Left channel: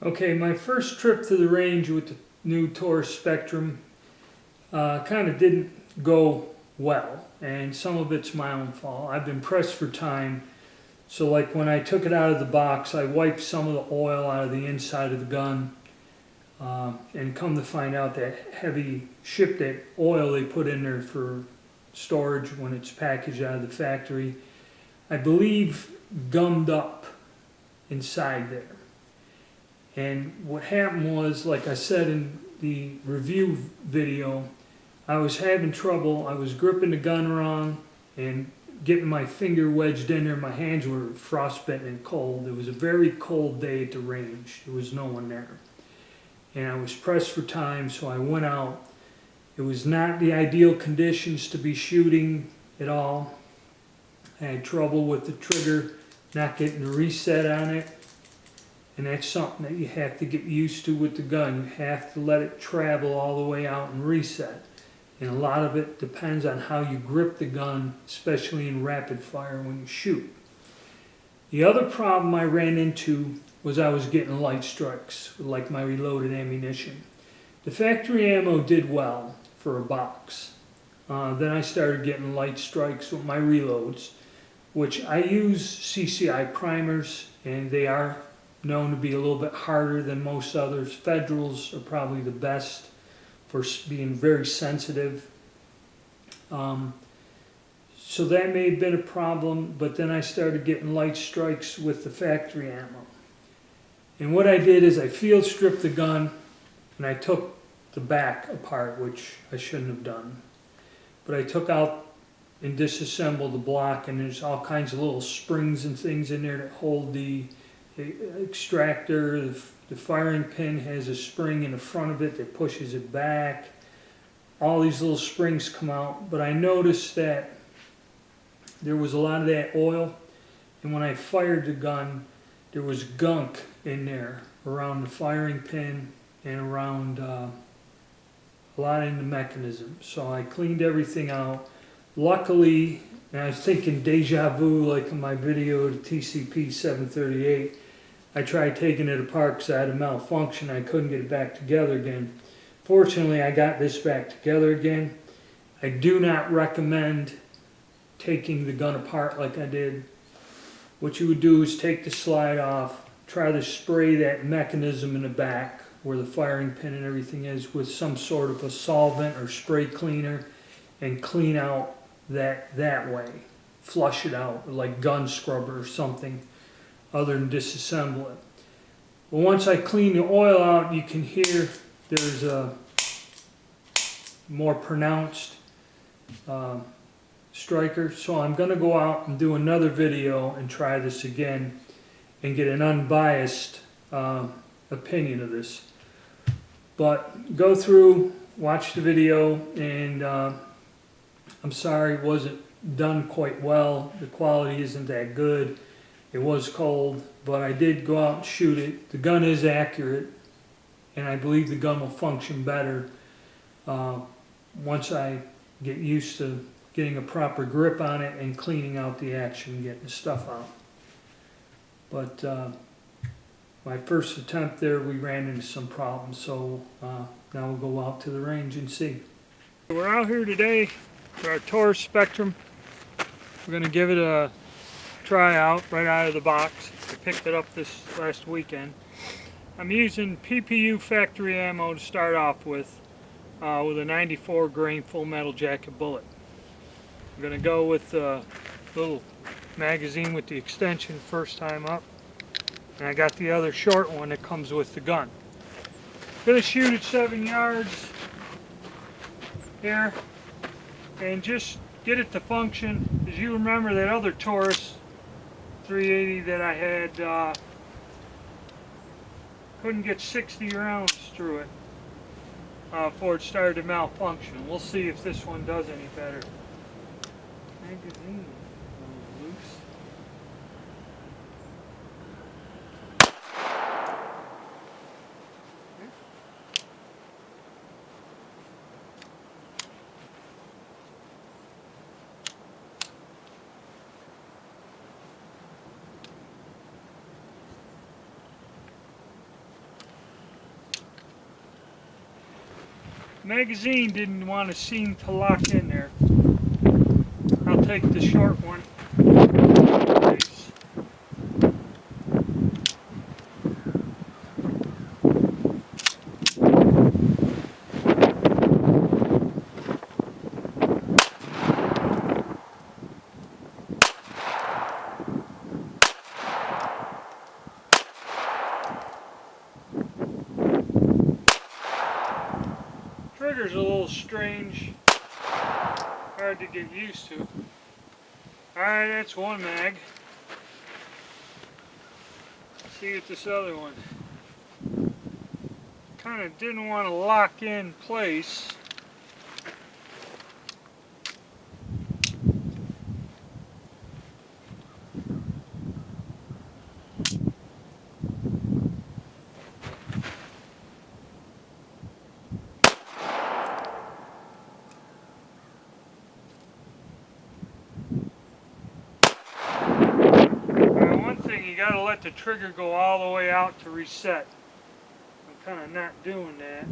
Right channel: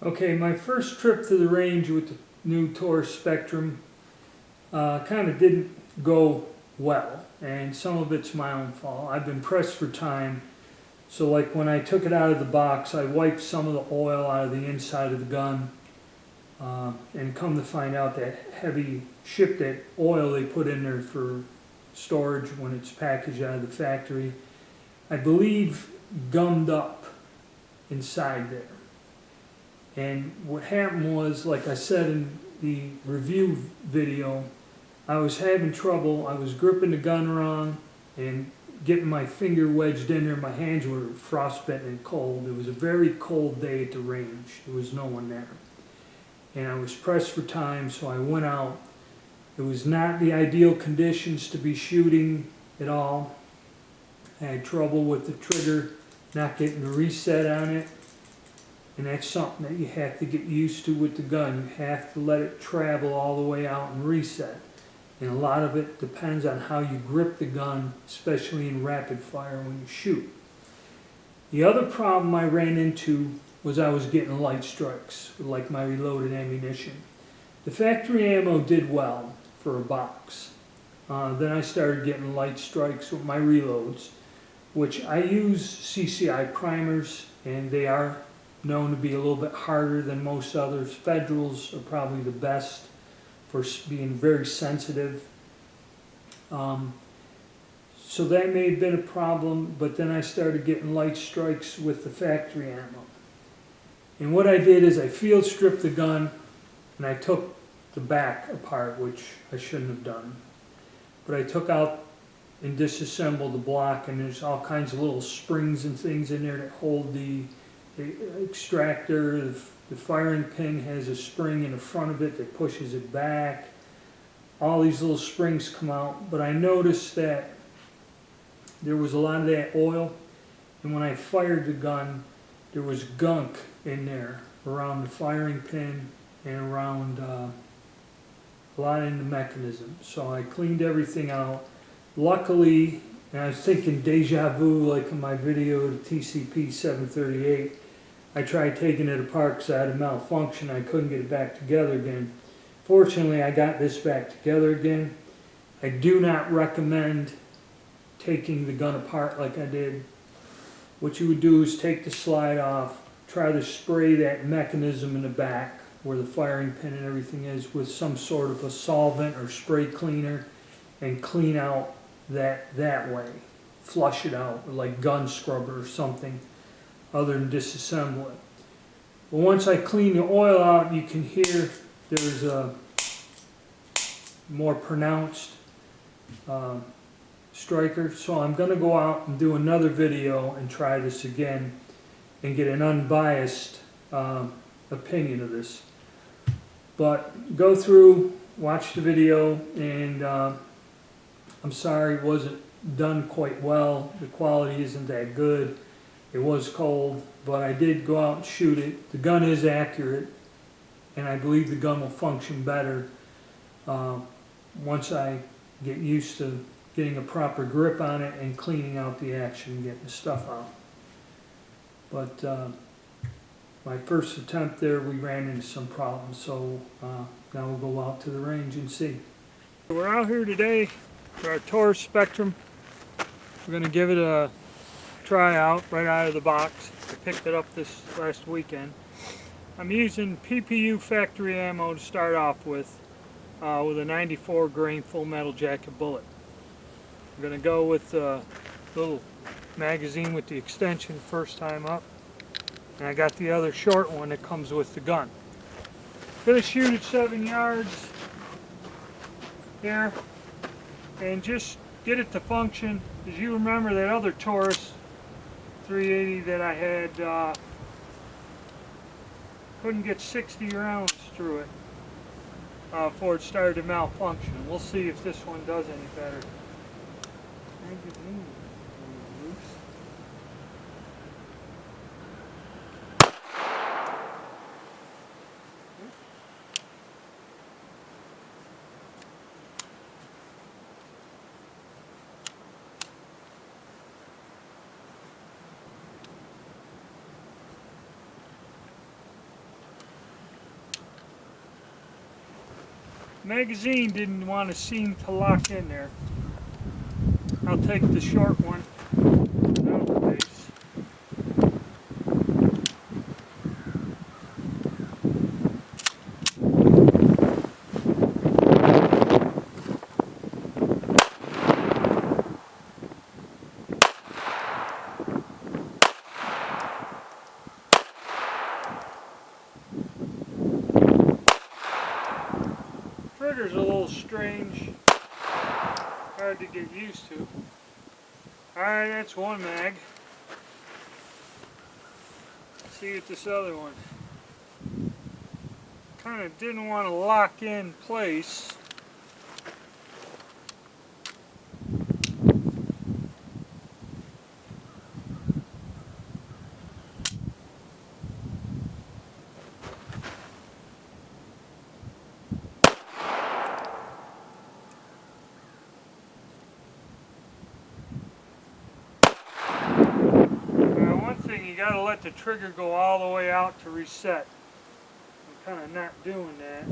Okay, my first trip to the range with the new Taurus Spectrum kind of didn't go well, and some of it's my own fault. I've been pressed for time, so like when I took it out of the box, I wiped some of the oil out of the inside of the gun, and come to find out that heavy that oil they put in there for storage when it's packaged out of the factory, I believe gummed up inside there. And what happened was, like I said in the review video, I was having trouble. I was gripping the gun wrong and getting my finger wedged in there. My hands were frostbitten and cold. It was a very cold day at the range. There was no one there. And I was pressed for time, so I went out. It was not the ideal conditions to be shooting at all. I had trouble with the trigger, not getting the reset on it. And that's something that you have to get used to with the gun. You have to let it travel all the way out and reset. And a lot of it depends on how you grip the gun, especially in rapid fire when you shoot. The other problem I ran into was I was getting light strikes, like my reloaded ammunition. The factory ammo did well for a box. Then I started getting light strikes with my reloads, which I use CCI primers, and they are known to be a little bit harder than most others. Federals are probably the best for being very sensitive. So that may have been a problem, but then I started getting light strikes with the factory ammo. And what I did is I field stripped the gun and I took the back apart, which I shouldn't have done. But I took out and disassembled the block, and there's all kinds of little springs and things in there that hold the extractor. The firing pin has a spring in the front of it that pushes it back. All these little springs come out, but I noticed that there was a lot of that oil, and when I fired the gun, there was gunk in there around the firing pin and around a lot in the mechanism. So I cleaned everything out. Luckily, and I was thinking deja vu like in my video, the TCP 738, I tried taking it apart because I had a malfunction. I couldn't get it back together again. Fortunately, I got this back together again. I do not recommend taking the gun apart like I did. What you would do is take the slide off, try to spray that mechanism in the back where the firing pin and everything is with some sort of a solvent or spray cleaner, and clean out that way. Flush it out like gun scrubber or something other than disassemble it. But once I clean the oil out, you can hear there's a more pronounced striker. So I'm going to go out and do another video and try this again and get an unbiased opinion of this. But go through, watch the video, and I'm sorry it wasn't done quite well. The quality isn't that good. It was cold, but I did go out and shoot it. The gun is accurate, and I believe the gun will function better once I get used to getting a proper grip on it and cleaning out the action and getting the stuff out. But my first attempt there, we ran into some problems, so now we'll go out to the range and see. We're out here today for our Taurus Spectrum. We're going to give it a try out right out of the box. I picked it up this last weekend. I'm using PPU factory ammo to start off with a 94 grain full metal jacket bullet. I'm going to go with a little magazine with the extension first time up, and I got the other short one that comes with the gun. I'm going to shoot at 7 yards here and just get it to function. As you remember, that other Taurus 380 that I had, couldn't get 60 rounds through it before it started to malfunction. We'll see if this one does any better. Magazine is a little loose. magazine didn't want to seem to lock in there. I'll take the short one. Trigger's a little strange, hard to get used to. Alright, that's one mag. Let's see what this other one. Kind of didn't want to lock in place. You gotta let the trigger go all the way out to reset. I'm kind of not doing that.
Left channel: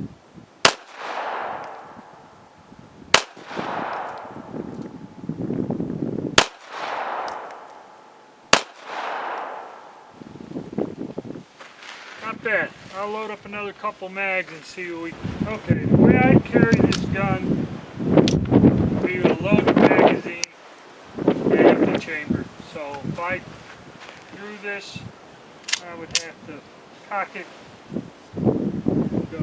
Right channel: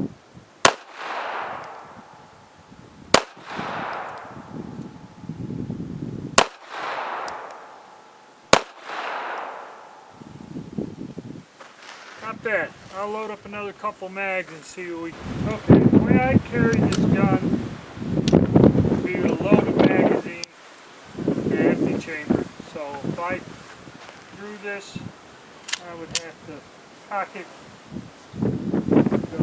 Not bad. I'll load up another couple mags and see what we... Okay, the way I carry this gun would be to load the magazine and empty chamber. So if I drew this, I would have to cock it and go.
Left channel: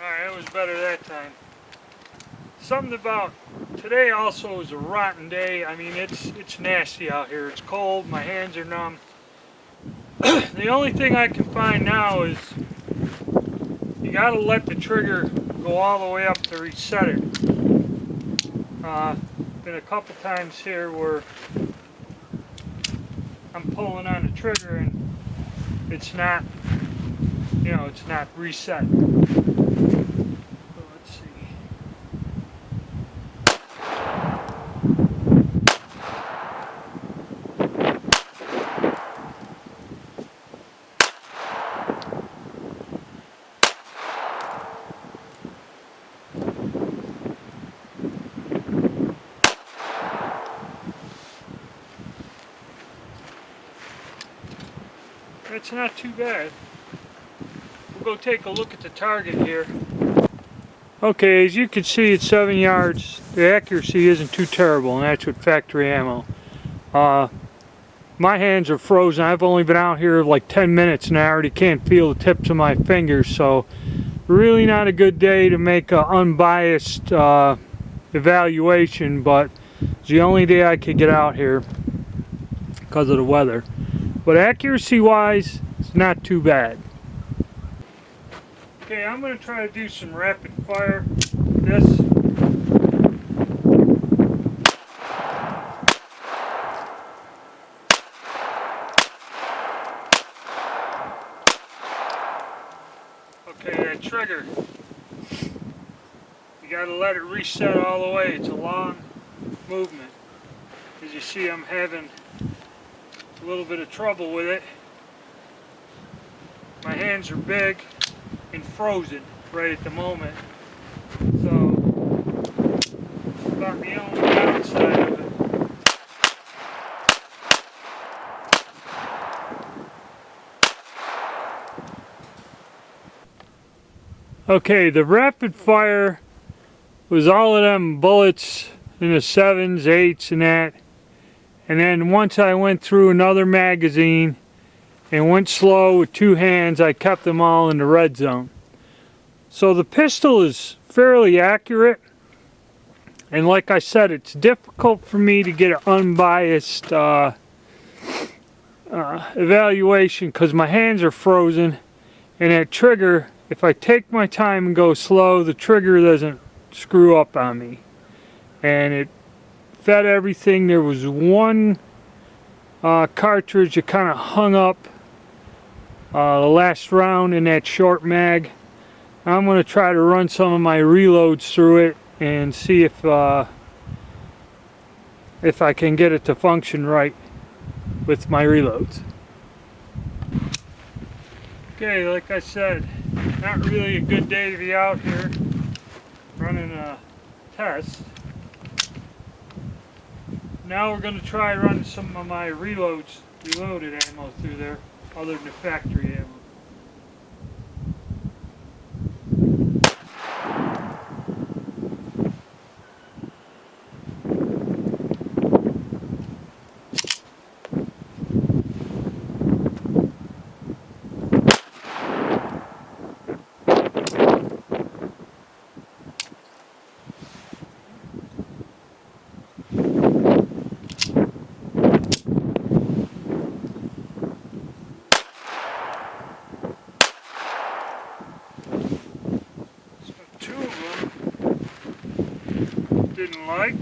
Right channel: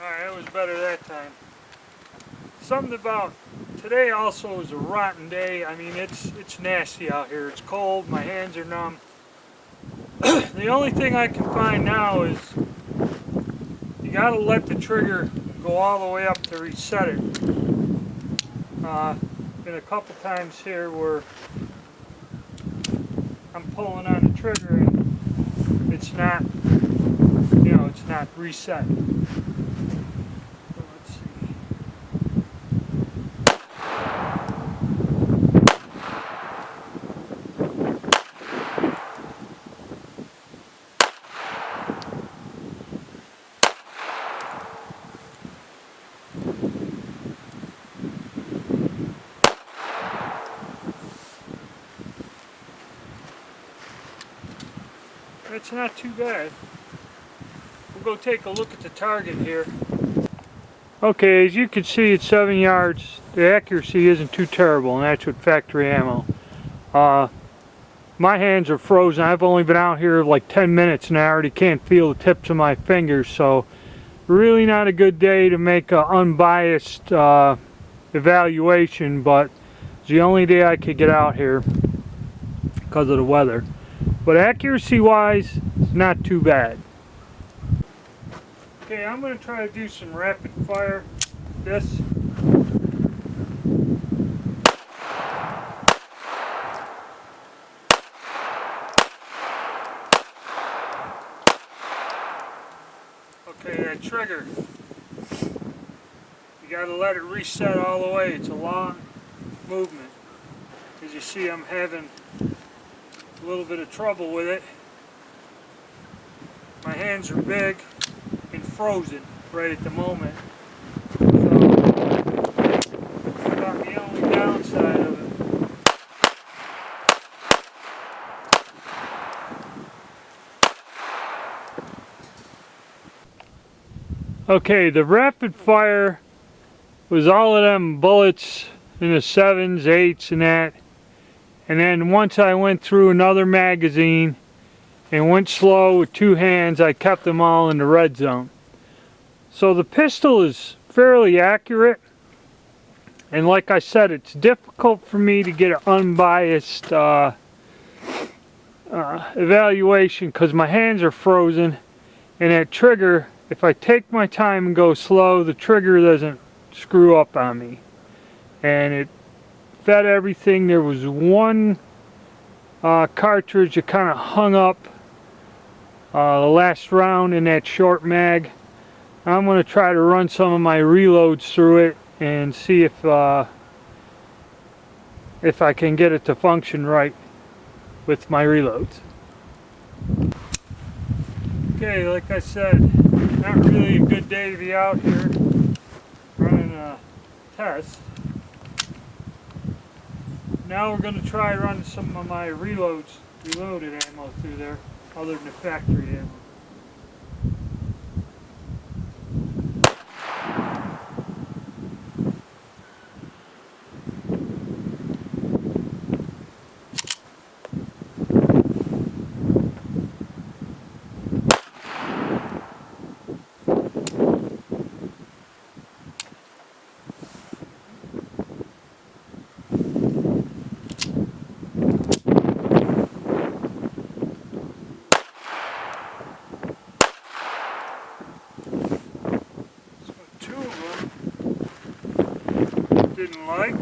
Alright, that was better that time. Something about today also is a rotten day. I mean, it's nasty out here. It's cold, my hands are numb. The only thing I can find now is you gotta let the trigger go all the way up to reset it. Been a couple times here where I'm pulling on the trigger and it's not, you know, it's not reset. So let's see. It's not too bad. We'll go take a look at the target here. Okay, as you can see at 7 yards, the accuracy isn't too terrible, and that's with factory ammo. My hands are frozen. I've only been out here like 10 minutes and I already can't feel the tips of my fingers, so really not a good day to make an unbiased evaluation, but it's the only day I could get out here because of the weather. But accuracy wise, it's not too bad. Okay, I'm going to try to do some rapid fire with this. Okay, that trigger, you got to let it reset all the way. It's a long movement. As you see, I'm having a little bit of trouble with it. My hands are big and frozen right at the moment, so about the only downside of it. Okay, the rapid fire was all of them bullets in the 7s, 8s and that. And then once I went through another magazine and went slow with 2 hands, I kept them all in the red zone. So the pistol is fairly accurate. And like I said, it's difficult for me to get an unbiased evaluation because my hands are frozen. And that trigger, if I take my time and go slow, the trigger doesn't screw up on me. And it fed everything. There was one cartridge that kind of hung up the last round in that short mag. I'm going to try to run some of my reloads through it and see if I can get it to function right with my reloads. Okay, like I said, not really a good day to be out here running a test. Now we're going to try running some of my reloaded ammo through there, other than the factory ammo. Two of them didn't like.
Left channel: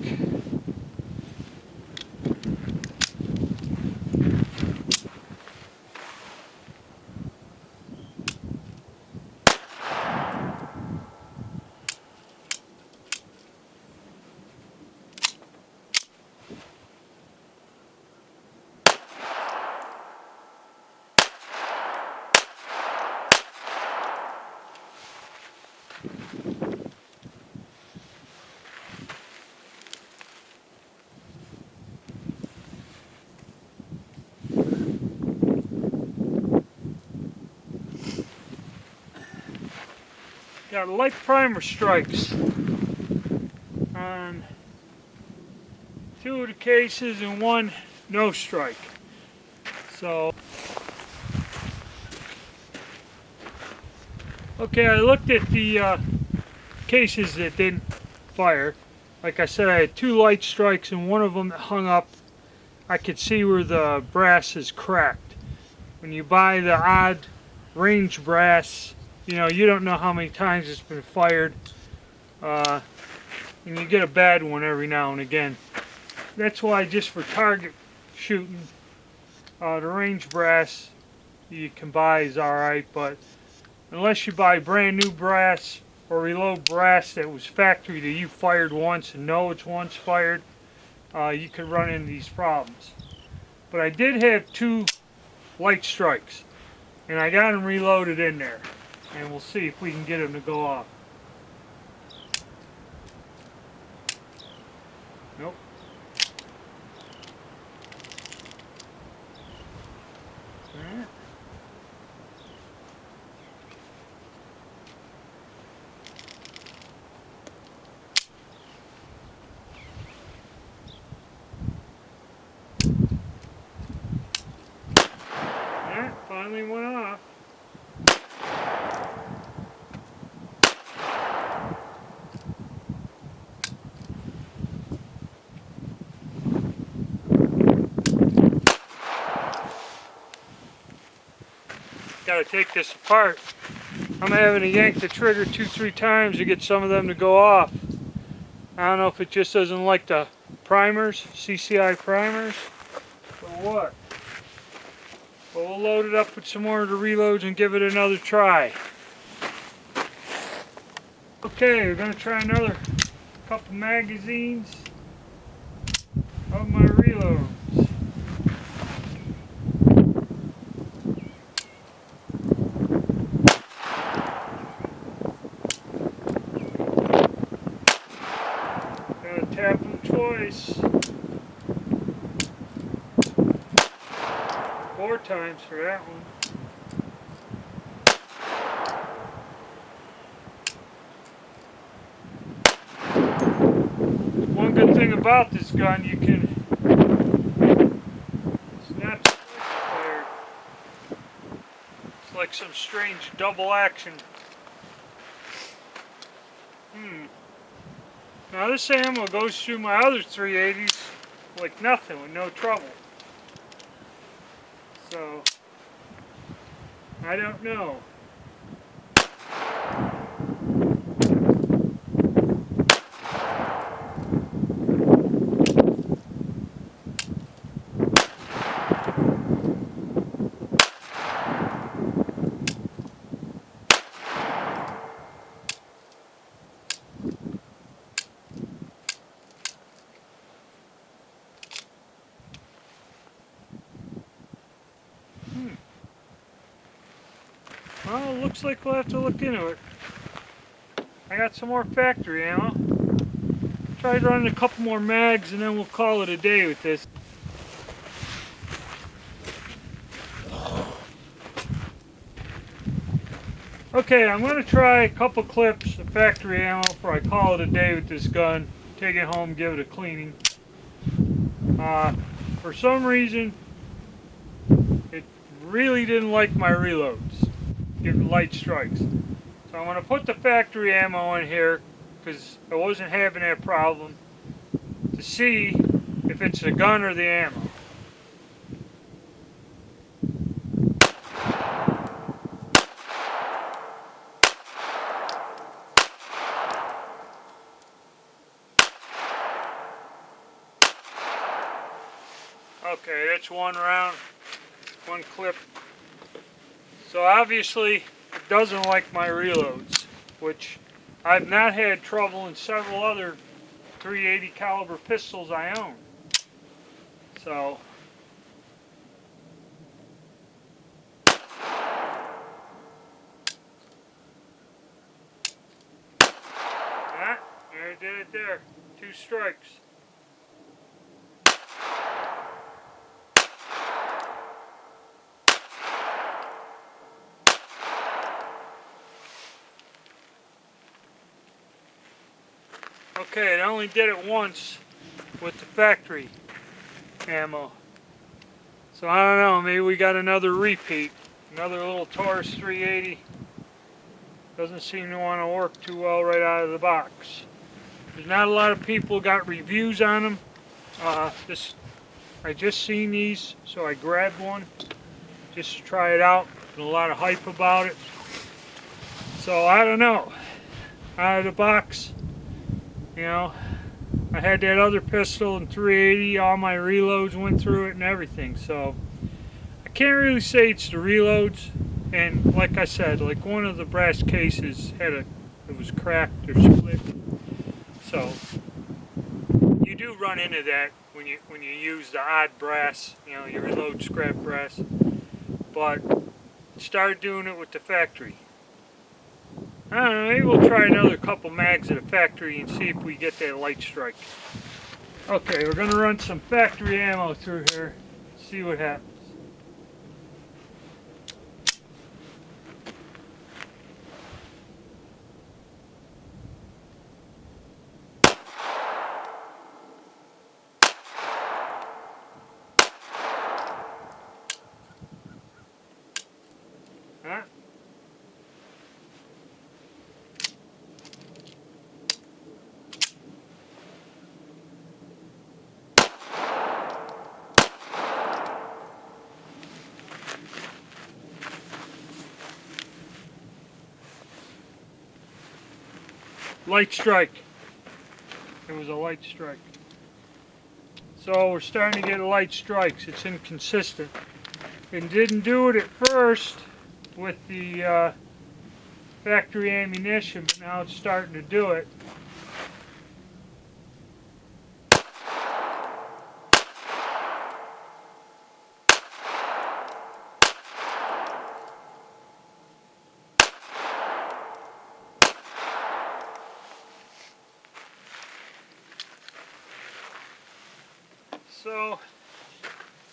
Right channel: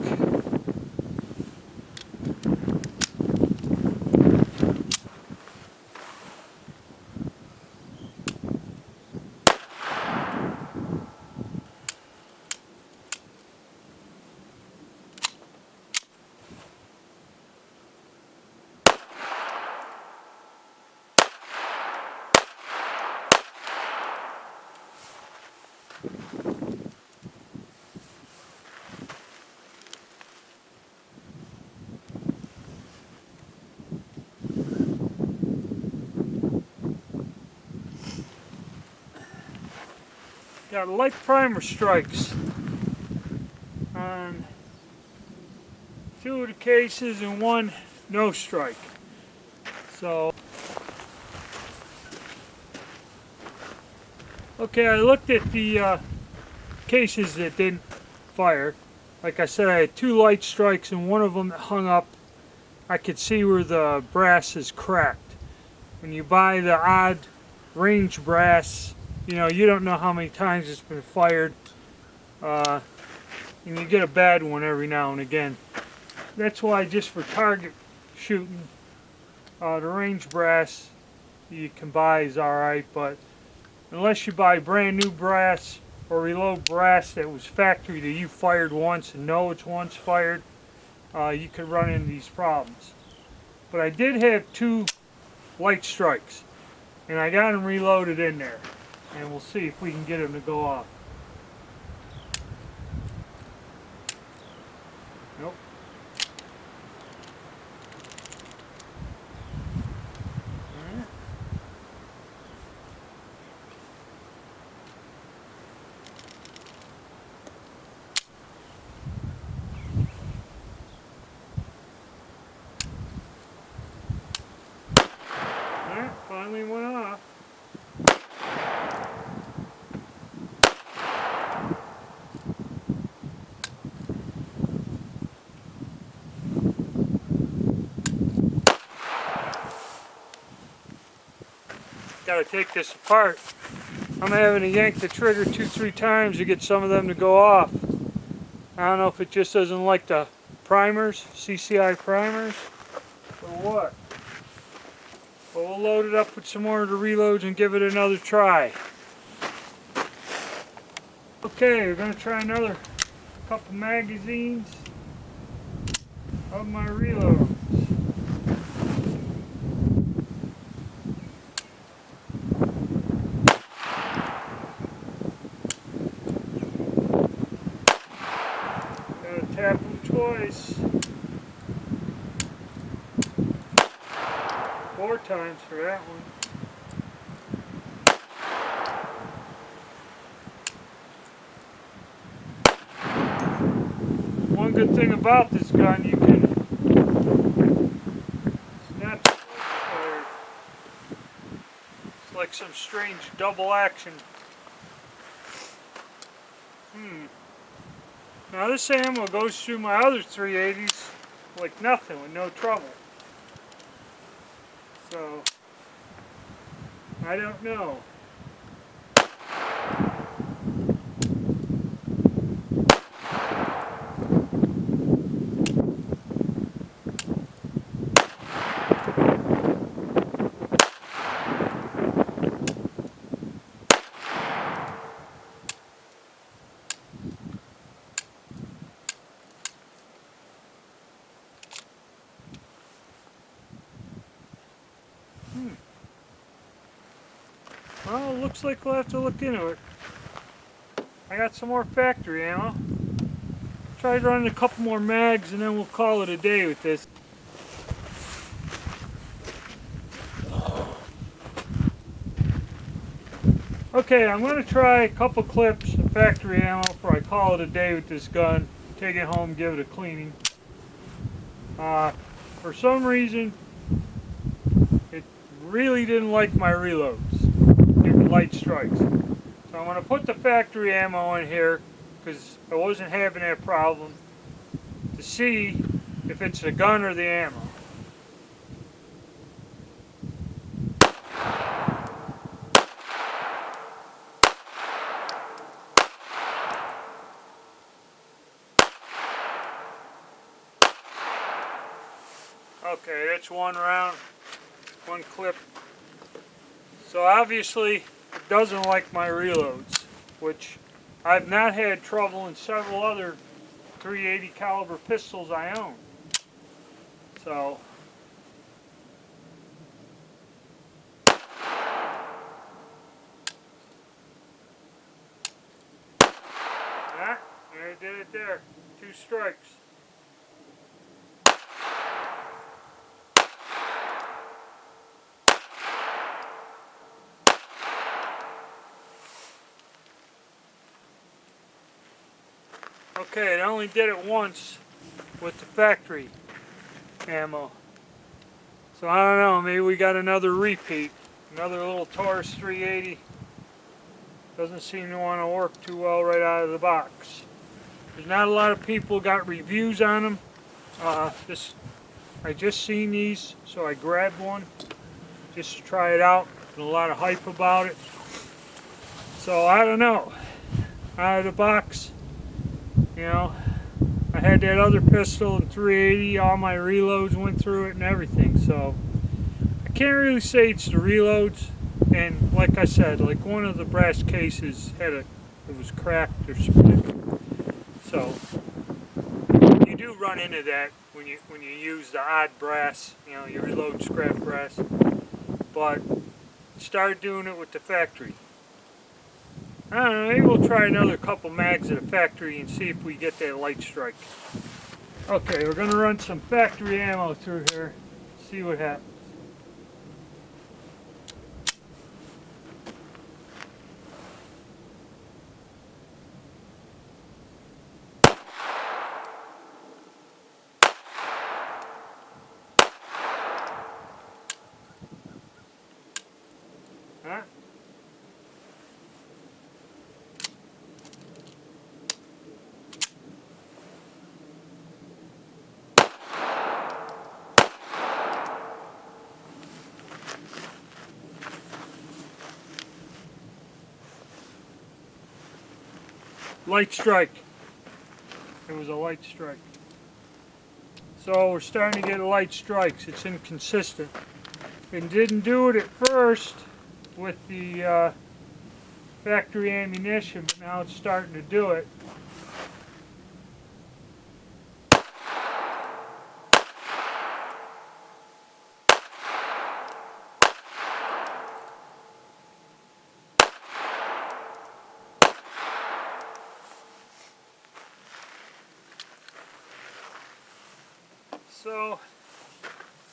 Got light primer strikes on 2 of the cases and 1 no strike. So, okay, I looked at the cases that didn't fire. Like I said, I had 2 light strikes and 1 of them that hung up. I could see where the brass is cracked. When you buy the odd range brass, you know, you don't know how many times it's been fired, and you get a bad one every now and again. That's why just for target shooting, the range brass you can buy is alright, but unless you buy brand new brass or reload brass that was factory that you fired once and know it's once fired, you could run into these problems. But I did have 2 light strikes, and I got them reloaded in there. And we'll see if we can get them to go off. Nope. Alright. Alright, finally went off. Got to take this apart. I'm having to yank the trigger 2-3 times to get some of them to go off. I don't know if it just doesn't like the primers, CCI primers, or what. But we'll load it up with some more of the reloads and give it another try. Okay, we're going to try another couple magazines of my reloads. Gotta tap them twice. 4 times for that one. One good thing about this gun, you can snap the fire. It's like some strange double action. Now this ammo goes through my other 380s like nothing, with no trouble. So, I don't know. looks like we'll have to look into it. I got some more factory ammo. Tried running a couple more mags and then we'll call it a day with this. Okay, I'm going to try a couple clips of factory ammo before I call it a day with this gun. Take it home, give it a cleaning. For some reason, it really didn't like my reloads, giving light strikes. So I'm going to put the factory ammo in here because I wasn't having that problem to see if it's the gun or the ammo. Okay, that's one round, one clip. So obviously it doesn't like my reloads, which I've not had trouble in several other .380 caliber pistols I own. So yeah, there it did it there. 2 strikes. Okay, it only did it once with the factory ammo. So I don't know, maybe we got another repeat. Another little Taurus 380. Doesn't seem to want to work too well right out of the box. There's not a lot of people got reviews on them. I just seen these, so I grabbed one just to try it out. There's a lot of hype about it. So I don't know. Out of the box, you know, I had that other pistol in 380, all my reloads went through it and everything, so I can't really say it's the reloads. And like I said, like one of the brass cases it was cracked or split. So you do run into that when you use the odd brass, you know, you reload scrap brass. But start doing it with the factory. I don't know, maybe we'll try another couple mags at the factory and see if we get that light strike. Okay, we're going to run some factory ammo through here, see what happens. Huh? Light strike. It was a light strike. So we're starting to get light strikes. It's inconsistent. It didn't do it at first with the factory ammunition, but now it's starting to do it. So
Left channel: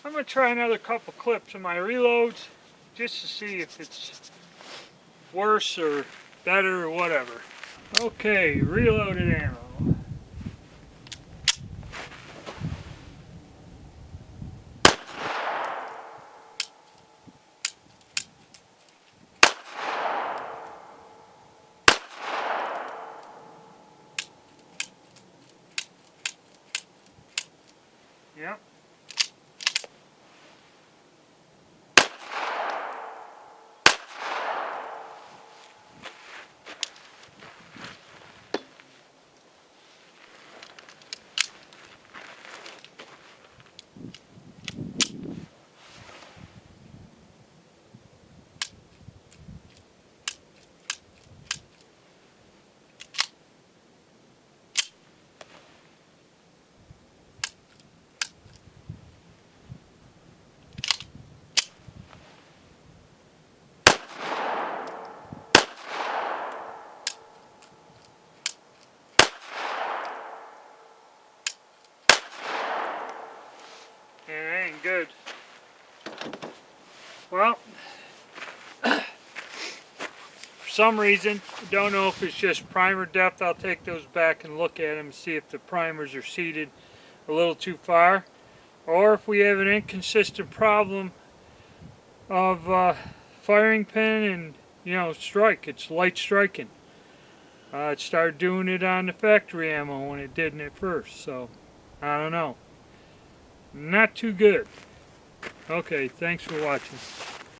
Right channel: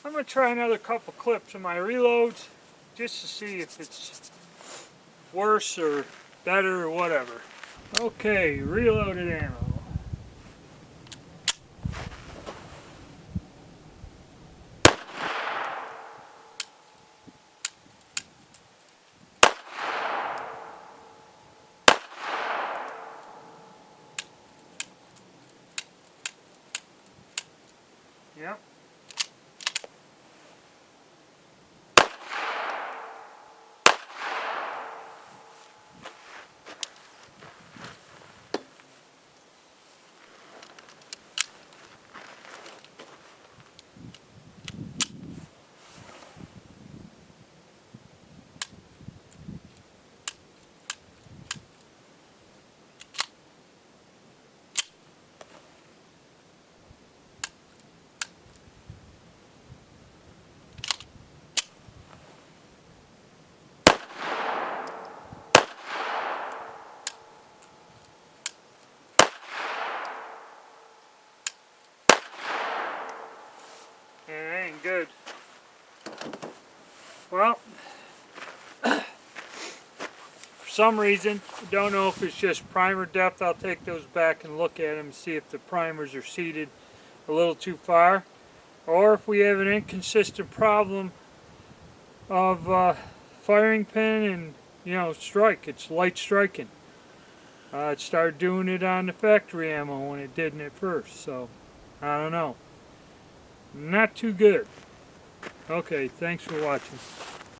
I'm going to try another couple clips of my reloads just to see if it's worse or better or whatever. Okay, reloaded ammo. Yep. good. Well, for some reason, I don't know if it's just primer depth. I'll take those back and look at them and see if the primers are seated a little too far, or if we have an inconsistent problem of firing pin and strike. It's light striking. It started doing it on the factory ammo when it didn't at first, so I don't know. Not too good. Okay, thanks for watching.